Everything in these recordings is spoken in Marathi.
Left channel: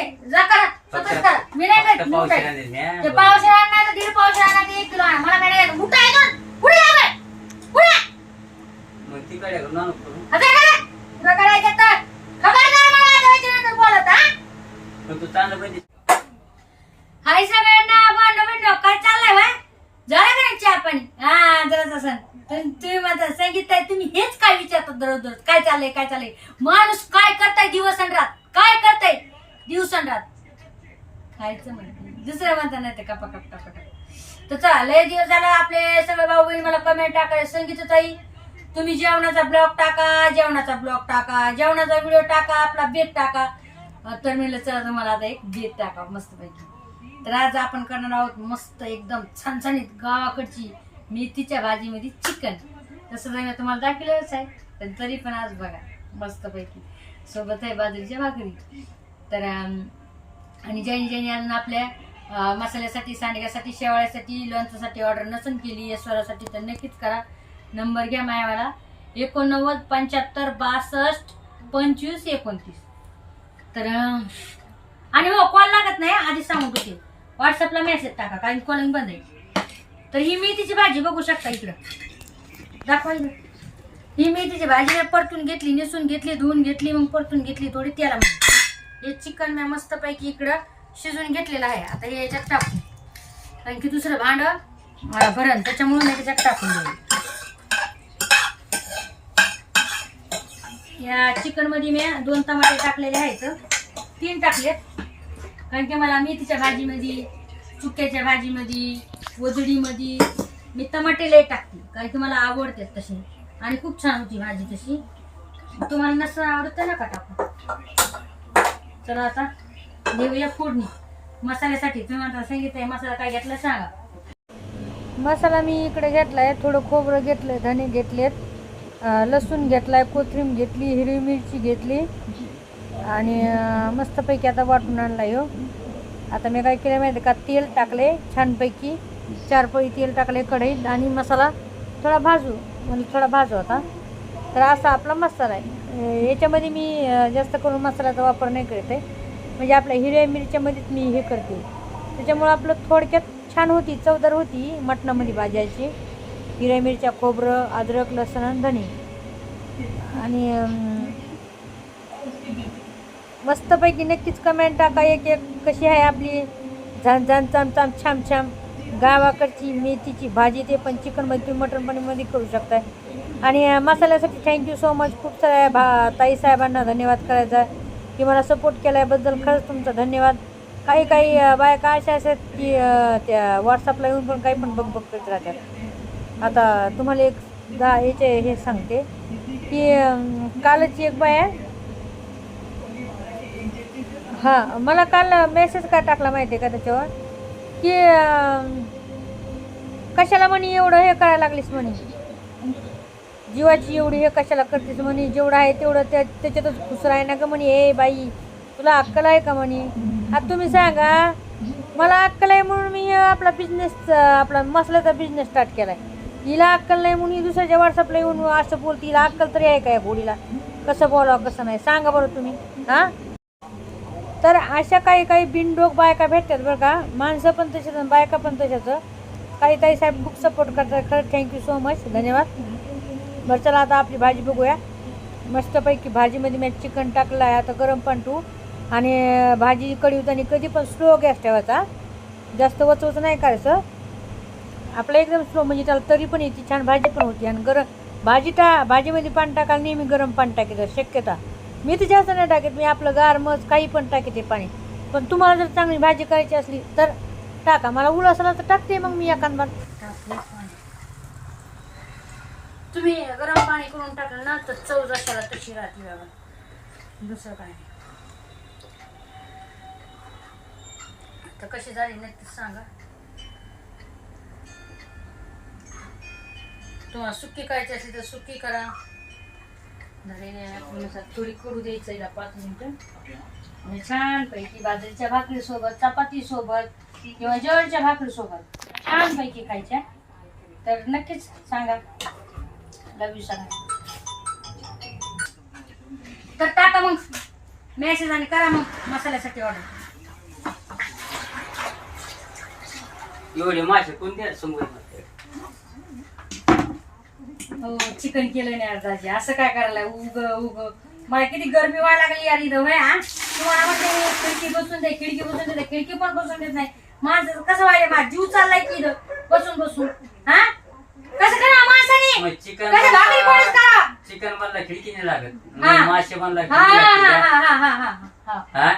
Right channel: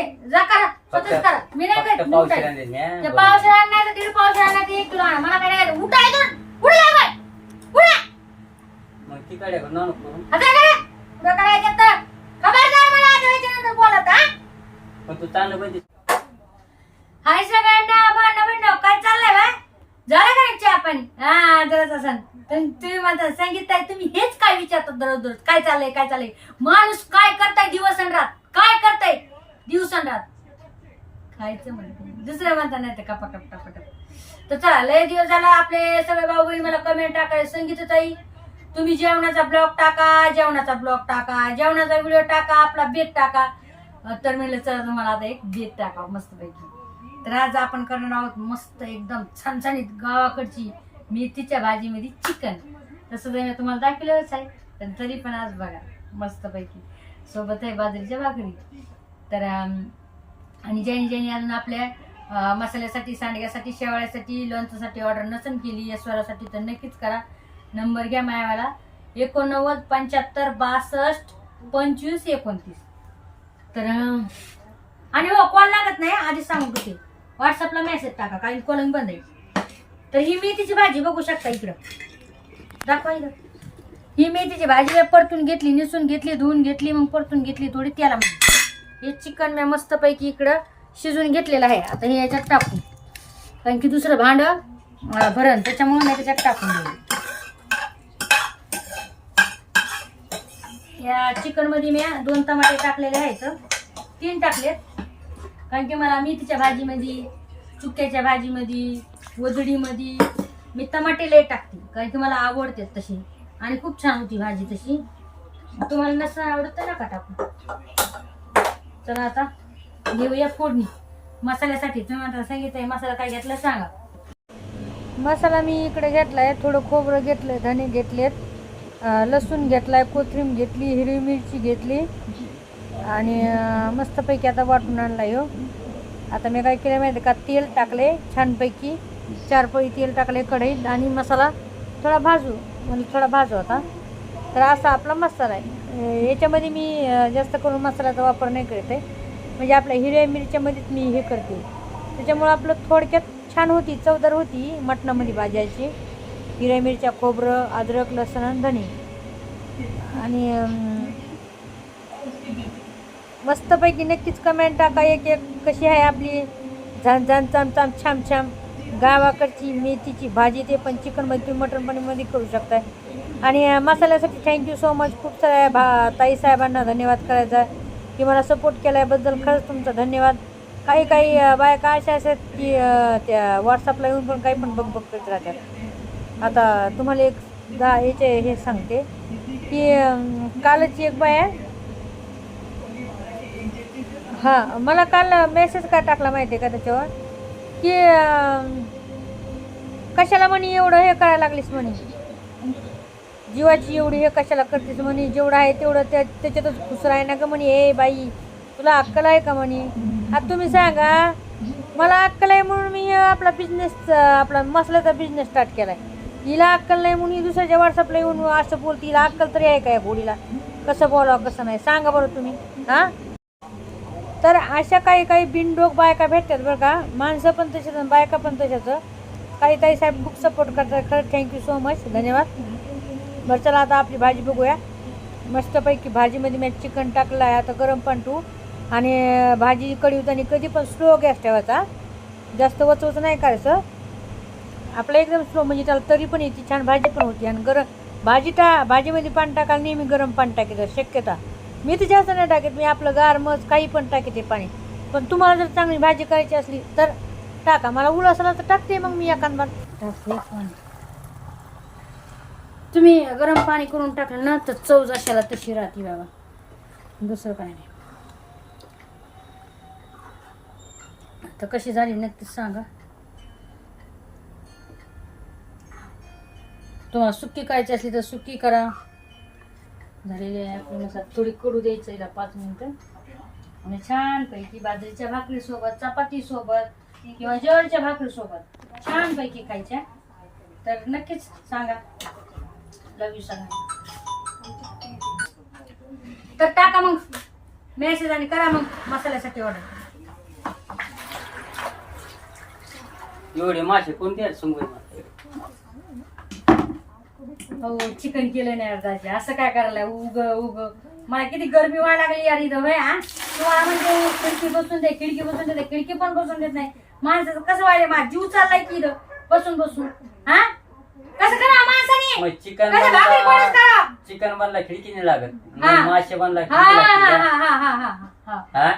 नाही जा करा स्वतःच करा. मी नाही करत मी पावशेर उठाय. आणेल मी, हा. ते पावशे आणणार तर दीड पावशे आणणार ते एक किलो आणा. मला काय नाही उठा इथून. मग तिकडे करू. आता काय तर. खबरदार मला बोलत हा? पण तू चांगलं हाय सगळ्यांना भांडण भांडण काय चाललंय बाय झालं का नाही चहा पाणी हा जरा असं तुम्ही म्हणता संगीत आहे तुम्ही हेच काय विचारतात दररोज दररोज? काय चाललंय काय चाललंय? माणूस काय करताय दिवस आणि रात? काय करताय? दिवसांडात. खायचं म्हणते. दुसरं म्हणता नाही ते कपा कप टप टप तर चालय दिवस झाला आपले सगळे भाऊ बहीण मला कमेंट टाकाय संगीत ताई. तुम्ही जेवणाचा ब्लॉग टाका जेवणाचा ब्लॉग टाका जेवणाचा व्हिडिओ टाका आपला बेत टाका. तर म्हणलं चला तुम्हाला आता एक बेत टाका मस्त पैकी तर आज आपण करणार आहोत मस्त एकदम छानछानीत गावाकडची मेथीच्या भाजीमध्ये चिकन तसं जर मी तुम्हाला दाखवलंच आहे पण तरी पण आज बघा मस्त पैकी सोबत आहे बाजरीच्या भाकरी. तर आणि ज्यांनी ज्यांनी अजून आपल्या मसाल्यासाठी सांडग्यासाठी शेवाळ्यासाठी लोणच्यासाठी ऑर्डर नसन केली या स्वरासाठी तर नक्कीच करा. नंबर घ्या मायावाला एकोणनव्वद पंच्याहत्तर बासष्ट पंचवीस एकोणतीस. तर आणि हो कॉल लागत नाही आधी सांगू ते व्हॉट्सअपला मेसेज टाका कारण कॉलिंग बंद आहे. तर ही मेथीची भाजी बघू शकता इकडं. दाखवा इकडं. ही मेथीची भाजी परतून घेतली निसून घेतली धुवून घेतली मग परतून घेतली थोडी त्याला हे चिकन मी मस्तपैकी इकडं शिजून घेतलेलं आहे. आता हे याच्यात टाकू. कारण की दुसरं भांड भरण त्याच्यामुळे मी त्याच्यात टाकून देईल या चिकनमध्ये मी दोन टमाटे टाकलेले आहेत. तीन टाकलेत. कारण की मला मेथीच्या भाजीमध्ये चुक्याच्या भाजीमध्ये वजडीमध्ये मी टमाटे लय टाकते. कारण की मला आवडते तसे. आणि खूप छान होती भाजी तशी. तुम्हाला नसं आवडत नका टाकू चला आता देऊया फोडणी. मसाल्यासाठी तुम्ही म्हणता सांगितलंय मसाला काय घेतला सांगा. मसाला मी इकडे घेतलाय थोडं खोबरं घेतलंय धणे घेतलेत. लसूण घेतलाय कोथिंबीर घेतली हिरवी मिरची घेतली. आणि मस्तपैकी आता वाटून आणला हो. आता मी काय केलं माहिती का? तेल टाकले छानपैकी. चार पळी तेल टाकले कढईत. आणि मसाला थोडा भाजू म्हणजे थोडा भाजू आता. तर असा आपला मसाला आहे. याच्यामध्ये मी जास्त करून मसाल्याचा वापर नाही करत. आहे म्हणजे आपल्या हिरव्या मिरच्यामध्येच मी हे करते. त्याच्यामुळं आपलं थोडक्यात छान होती चवदार होती मटणामध्ये भाजायची. हिरव्या मिरच्या खोबरं अद्रक लसण आणि धणे. आणि मस्तपैकी नक्कीच कमेंट टाका. एक एक कशी आहे आपली झण झण चम चम छाम छाम. गावाकडची मेथीची भाजी ते पण चिकनमध्ये तुम्ही मटण पनीरमध्ये करू शकताय. आणि मसाल्यासाठी थँक्यू सो मच खूप साऱ्या भा ताई साहेबांना धन्यवाद करायचा आहे की मला सपोर्ट केल्याबद्दल खरंच तुमचा धन्यवाद. काही काही बायका अशा असतात की त्या व्हॉट्सअपला येऊन पण काही पण बघ बघ करत राहतात. आता तुम्हाला एक दहा याचे हे सांगते की कालची एक बाय हां मला काल मेसेज काय टाकला माहिती आहे का त्याच्यावर? की कशाला म्हणे एवढं हे करायला लागलीस म्हणे? जीवाची एवढी हे कशाला करतेस म्हणे? जेवढं आहे तेवढं त्या त्याच्यातच खुश आहे ना का म्हणे? हे बाई तुला अक्कल आहे का म्हणे? आता तुम्ही सांगा मला अक्कल आहे म्हणून मी आपला बिझनेस आपला मसाल्याचा बिझनेस स्टार्ट केला आहे हिला अक्कल नाही म्हणून मी दुसऱ्याच्या व्हॉट्सअपला येऊन असं बोलते हिला अक्कल तरी आहे का या गोडीला कसं बोलावं कसं नाही? सांगा बरं तुम्ही हां? तर अशा काही काही बिनडोक बायका भेटतात बरं का. माणसं पण तशाचं बायका पण तशाच. काही काही साहेब बुक सपोर्ट करतात. खरं थँक्यू सो मच धन्यवाद. बरं चला आता आपली भाजी बघूया. मस्तपैकी भाजीमध्ये मी चिकन टाकलं आहे आता गरम पण टू आणि भाजी कढी कधी पण स्लो गॅस ठेवायचा. जास्त वचवच नाही करायचं आपलं एकदम स्लो म्हणजे त्याला तरी पण येते छान भाजी पण होती. आणि गरम भाजी टा भाजीमध्ये पाणी टाकायला नेहमी गरम पाणी टाकायचं शक्यता. मी तर जास्त नाही टाकत मी आपलं गार मज काही पण टाकते पाणी. पण तुम्हाला जर चांगली भाजी करायची असली तर टाका. मला उल असला तर टाकते मग मी एखाद तुम्ही गरम पाणी करून टाकलं ना तर चव जशाला तशी राहते बाबा. दुसरं काय नाही. तर कशी झाली नक्कीच सांगा. तुम्हाला सुकी करायची असली तर सुकी करा. झालेली आहे. थोडी कडू द्यायचं याला पाच मिनिटं. आणि छानपैकी बाजरीच्या भाकरी सोबत चपाती सोबत किंवा जेवणच्या भाकरी सोबत छानपैकी खायच्या. तर नक्कीच सांगा. सांगा तर टाका मग. मेसेज आणि करा मग मसाल्यासाठी ऑर्डर एवढे मासे कोण द्या समोर हो चिकन केलं नाही अर्धाचे असं काय करायला? उग उग. मला किती गरमी व्हायला लागली यार इथं होय हा? तुम्हाला म्हणते खिडकी बसून दे खिडकी बसून देते खिडकी पण बसून देत नाही. माणसाचं कसं व्हायला? माझा जीव चाललाय की इथं बसून बसून. हा? कसं करा मग चिकन कसं खिडकी बनला- लागत. मासे बनला हा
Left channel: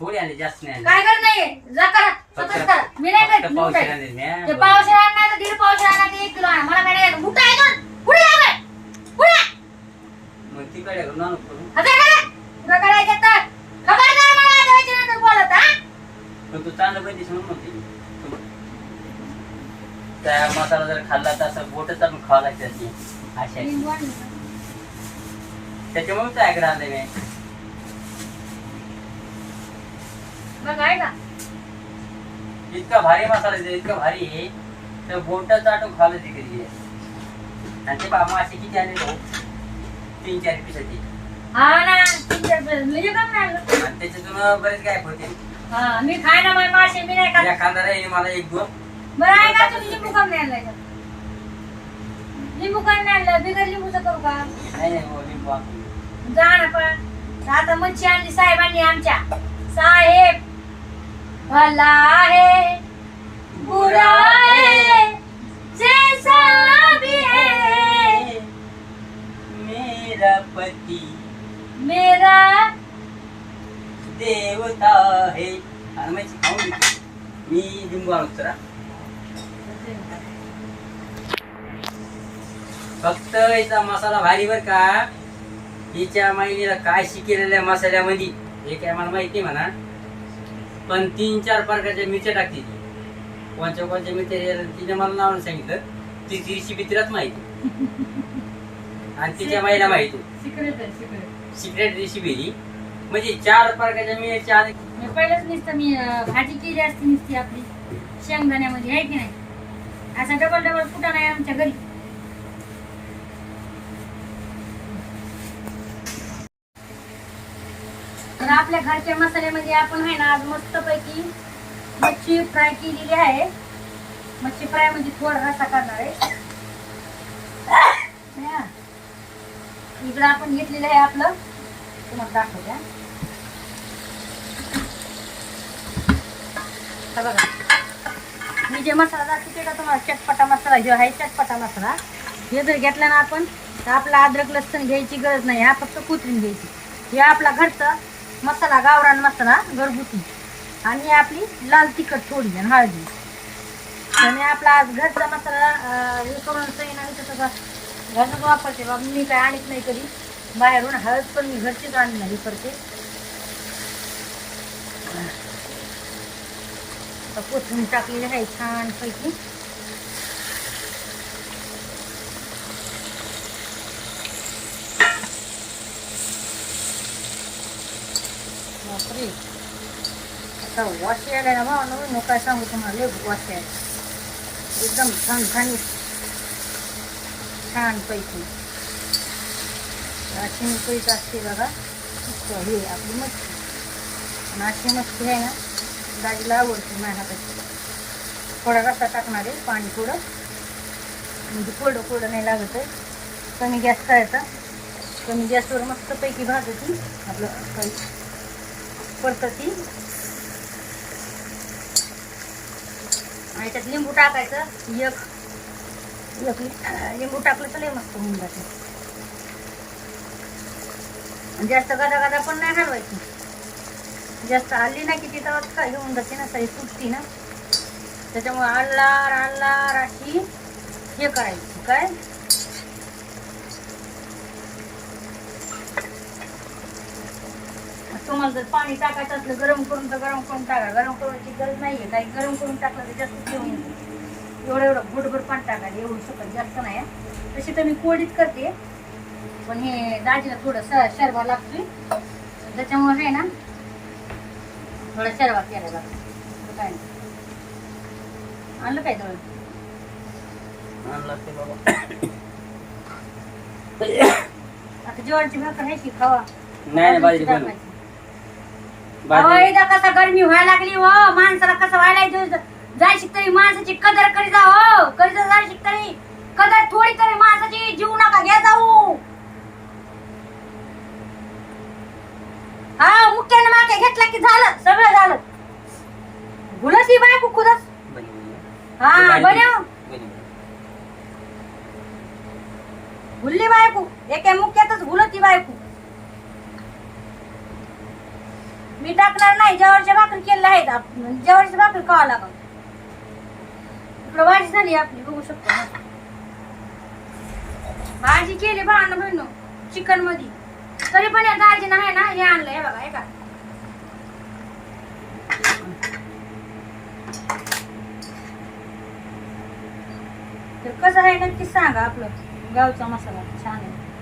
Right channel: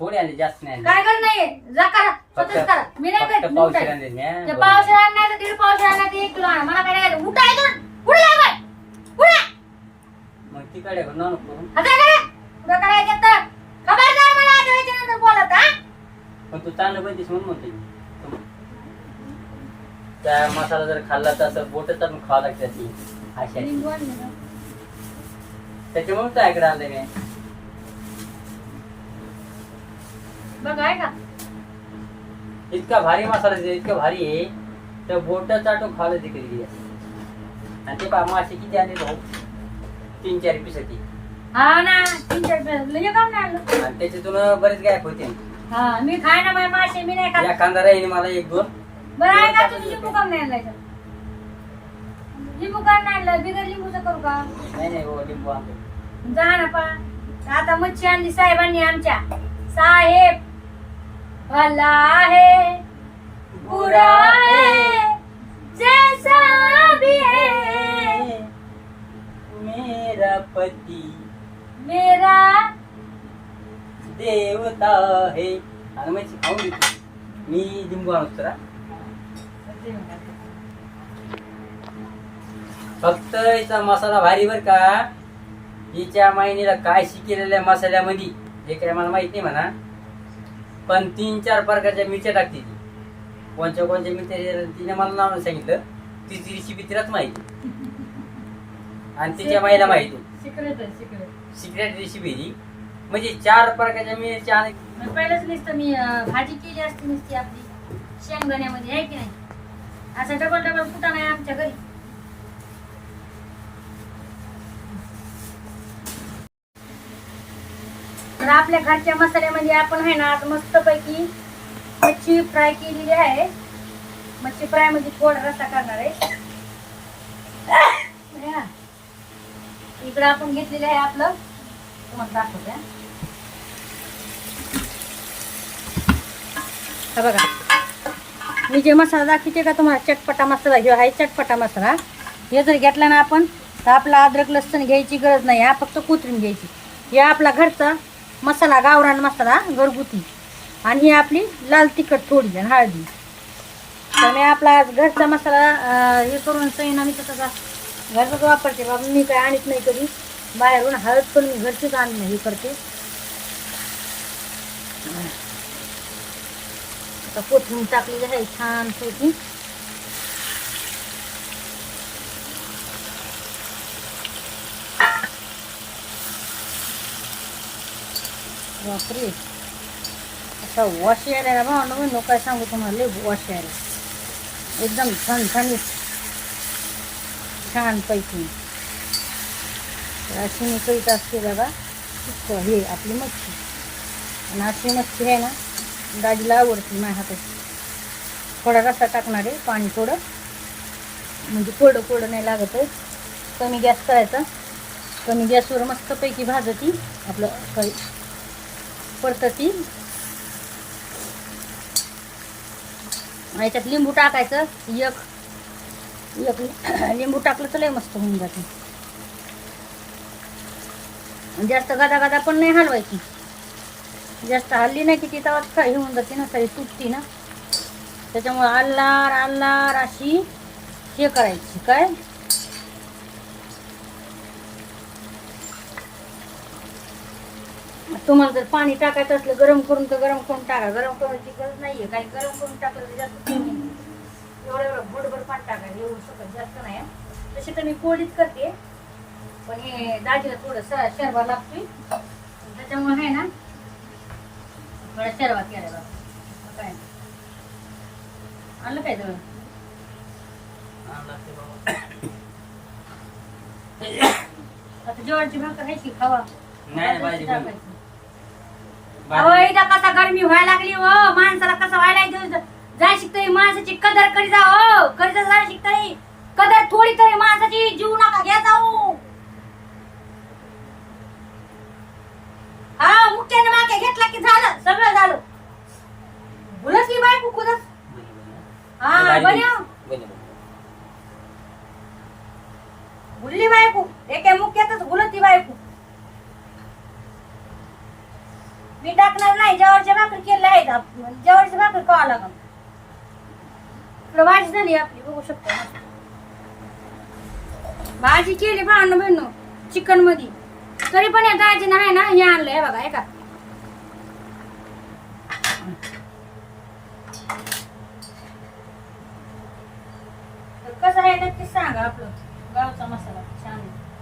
थोडी आले जास्त नाही काय नाही मी नाही दीड एक किलो मला उठा मग तिकडे नानू खबरदार मला बोलत पण तू चांगलं बघितलीस म्हणून म्हणते त्या मसाला जर खाल्ला तर असं बोट चालून खावं लागते अशा. का? त्याच्यामुळे तुझ्याकडे आणले मी. बघ आहे का? इतका भारी मसाला आहे, इतका भारी आहे. तर बोट चाटून खावलं तिकडे गेली आणि ते पहा मासे किती आले भाऊ? तीन चार पिसाची. हा ना तीन चार. म्हणजे काम नाही त्याच्यातून बरेच गॅप होते हा मी खाय ना माझे मासे मी नाही खात. कांदा राहिले मला एक दोन. बरं आहे का तुम्ही लिंबू काम नाही आणलाय का? लिंबू काय नाही आणलं बिगर लिंबूचं करू का? नाही नाही हो लिंबू जा ना पण आता मच्छी आणली साहेबांनी आमच्या. साहेब भला आहे. बुरा जैसा भी है. मेरा पती मेरा देवता है. आणि खाऊन मी लिंबू आणतो जरा. फक्त याचा मसाला भारी बर का? हिच्या माहिनीला काय शिकेलेल्या मसाल्यामध्ये हे काय मला माहीत नाही म्हणा पण तीन चार प्रकारच्या मिरच्या टाकते ती. कोणत्या कोणत्या मिरच्या तिने मला नाव सांगितलं. तिची रेसिपी तिलाच माहिती. आणि तिच्या माईला माहिती. सिक्रेट आहे सिक्रेट सिक्रेट रेसिपी ही म्हणजे चार प्रकारच्या मिरच्या पहिलंच नुसतं मी भाजी केली असती नुसती आपली. शेंगदाण्यामध्ये आहे की नाही? असं डबल डबल कुठं नाही आमच्या घरी. तर आपल्या घरच्या मसाल्यामध्ये आपण आहे ना आज मस्तपैकी मच्छी फ्राय केलेली आहे. मच्छी फ्रायमध्ये थोडा रसा करणार आहे. इकडं आपण घेतलेलं आहे आपलं. तुम्हाला दाखवत्या हा बघा. मी जे मसाला दाखवते का तुम्हाला? चटपटा मसाला जो आहे चटपटा मसाला. हे जर घेतला ना आपण तर आपला अद्रक लसण घ्यायची गरज नाही. हा फक्त कोथरून घ्यायची. हे आपला घरचा मसाला गावरान मसाला घरगुती. आणि ही आपली लाल तिखट थोडी आणि हळदी. तर मी आपला आज घरचा मसाला हे करून सैन आणि तसंच घरचाच वापरते बाबा मी काय आणत नाही कधी. बाहेरून हळद पण मी घरचीच आणणं हे करते. आता कोथिंबीर टाकलेली आहे छान पैकी बापरे. आता वॉश यायला म्हणून मी काय सांगू तुम्हाला लय वॉश यायला. एकदम छान छान छान पैकी अशी मी करीत असते बघा हे आपली मच्छी आणि अशी मच्छी आहे ना? दाजीला आवडते माझ्या हाताची थोडा रस्सा टाकणार आहे पाणी थोडं. म्हणजे कोरडं कोरडं नाही लागत आहे. कमी गॅस करायचा. कमी गॅसवर मस्तपैकी भाजती. आपलं काही पडतं ती याच्यात लिंबू टाकायचं. एक एक लिंबू टाकलं तर लय मस्त होऊन जाते. जास्त गादा गादा पण नाही हलवायची. म्हणजे जास्त हल्ली नाही की ती तेव्हाच फ्राय होऊन जाते ना काही सुटती ना. त्याच्यामुळे अल्लार अल्लार अशी हे करायची. काय? तुम्हाला जर पाणी टाकायचं असलं गरम करून तर गरम करून टाका. गरम करायची गरज नाहीये. काही गरम करून टाकलं तर जास्त घेऊन एवढं एवढं घोटभर पाणी टाका. एवढं सकत जास्त नाही. आहे. तशी तर मी कोडीत करते. पण हे दाजीला थोडं स शरबा लागतोय. त्याच्यामुळे आहे ना थोडा शरबा केलाय बघा. काय. आणलं? काय जवळ आणला ते बाबा. आता जेवणची भाकर आहे की खावा? नाही. अहो कसा गरमी व्हायला लागली हो. माणसाला कसं व्हायला जाय शिकतरी माणसाची कदर करी जा हो. करी जा जाय शिकतरी कदर थोडी तरी माणसाची जीव नका घ्या जाऊ हा मागे घेतला की झालं सगळं झालं. गुलती बायको खुदच. बनी, बनी. हा. बन्या बनी, बायको एका मुख्यातच गुलती बायको. मी टाकणार नाही जेवारच्या भाकरी केलेल्या आहेत आप- जेवारची भाकरी खावा लागल. भाजी झाली आपली बघू शकतो. भाजी केली भांडण बहिण चिकनमध्ये तरी पण या गाजी नाही ना हे आणलंय बघा हे का? तर कसं आहे नक्की सांगा आपलं. गावचा मसाला छान आहे.